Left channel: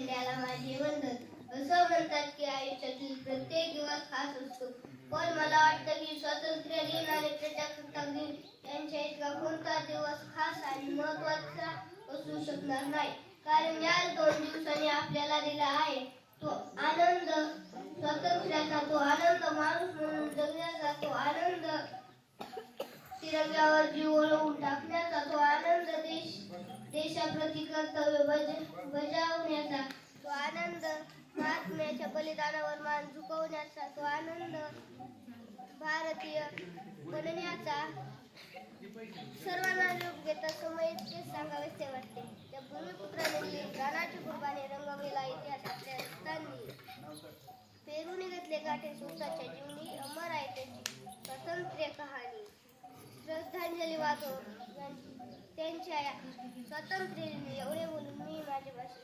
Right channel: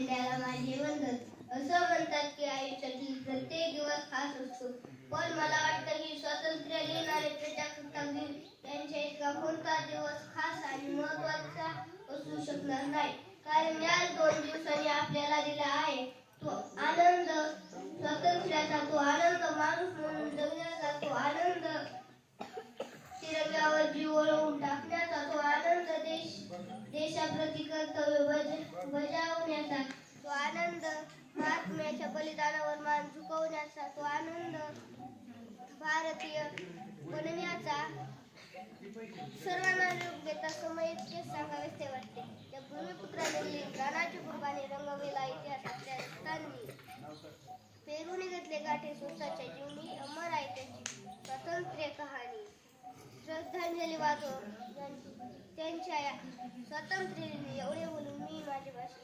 इंडियाला माझे वंदन असं म्हणतात की आयुष्यातील प्रत्येक दिवस खास असतो पण मला वाटतं की स्वातंत्र्य दिन आणि प्रजासत्ताक दिन यांच्या इतका कोणता दिवस खास आणि महत्त्वाचा असू शकणार नाही. कारण या दोन दिवसांनी आपल्याला दिला आहे तो आनंद. स्वातंत्र्याचा तो आनंद माणूस म्हणून जगण्याचा तो आनंद. तिरंग्यावर जीव बजावण्याचा तो आनंद महात्म्याच्या बलिदानावर मान झुकवण्याचा तो आनंद भारतीय बनण्याचा सर्वांना योग्यता समय इतकेच सांगावेसे वाटते. त्या भूमिपुत्राने प्राणाची कुर्बानी रंगवलेला इतिहास आपल्या रक्तांनी पेरून घेतले गाठे स्वतःच्या जीवनी. अमर आहे त्यांची स्वातंत्र्य कहाणी. श्रद्धांजली वाजो यांची या स्वातंत्र्याने एवढे बोलून मी माझी भाषा संपवतो